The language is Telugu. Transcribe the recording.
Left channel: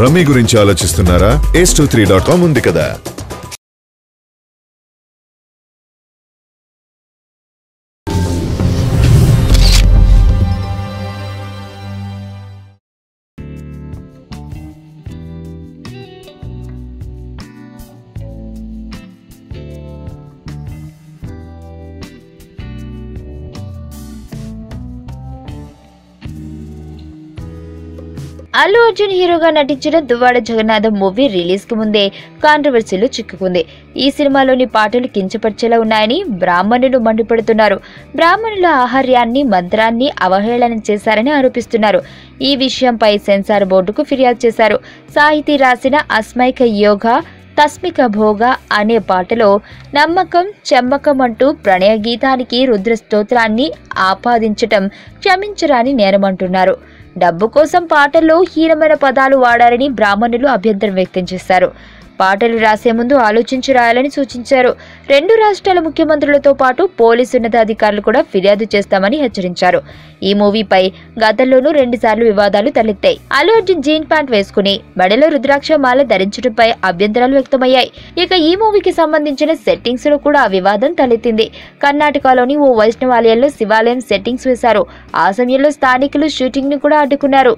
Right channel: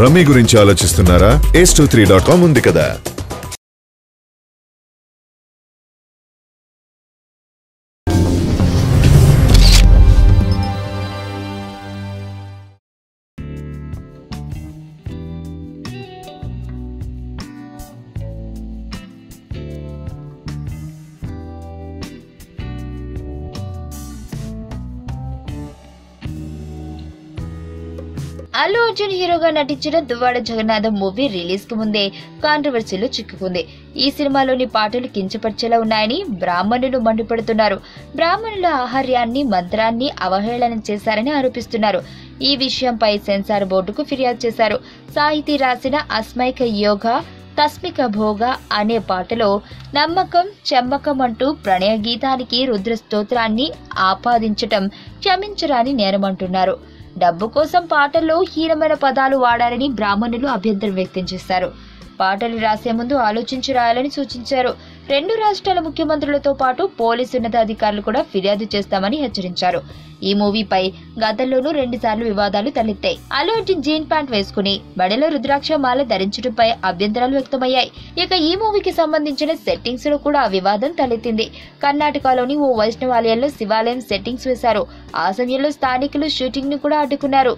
రమ్మీ గురించి ఆలోచిస్తున్నారా? ace23.com ఉంది కదా. అల్లు అర్జున్ హీరోగా నటించిన దువ్వాడ జగన్నాథం మూవీ రిలీజ్ కు ముందే కాంట్రవర్సీలో చిక్కుకుంది. ఈ సినిమాలోని పాటలు కించపరిచేలా ఉన్నాయని బ్రాహ్మణులు మండిపడుతున్నారు. బ్రాహ్మణుల ఆహార్యాన్ని మంత్రాన్ని అవహేళన చేశారని ఆరోపిస్తున్నారు. ఈ విషయంపై సెన్సార్ బోర్డుకు ఫిర్యాదు చేశారు. సాహితీ రాసిన అస్మైక యోగా తస్మిక భోగ అనే పాటలో నమ్మకం చెమ్మకం అంటూ ప్రణయ గీతానికి రుద్ర స్తోత్రాన్ని ఆపాదించటం క్షమించరాని నేరమంటున్నారు. డబ్బు కోసం పాటల్లో హీనమైన పదాలు వాడారని బ్రాహ్మణులు అభ్యంతరం వ్యక్తం చేశారు. పాటలు రాసే ముందు ఆలోచించి రాయాలని సూచించారు. 2 రాష్ట్రాల ముఖ్యమంత్రులతో పాటు పోలీసు ఉన్నతాధికారులు కూడా ఫిర్యాదు చేస్తామని హెచ్చరించారు. ఈ మూవీపై గతంలోనూ 2 సార్లు వివాదాలు తలెత్తాయి. అల్లు అర్జున్ జీన్ ప్యాంట్ వేసుకుని మెడలో రుద్రాక్ష మాల ధరించడంపై అభ్యంతరాలు వ్యక్తమయ్యాయి. ఇక ఈ మూవీకి సంబంధించిన సెట్టింగ్స్ లో కూడా వివాదం తలెత్తింది. కర్ణాటకలోని ఓ వైష్ణవాలయంలో శివాలయం సెట్టింగ్స్ వేశారు. ఆ సమయంలో స్థానికులు షూటింగ్ ను కూడా అడ్డుకున్నారు.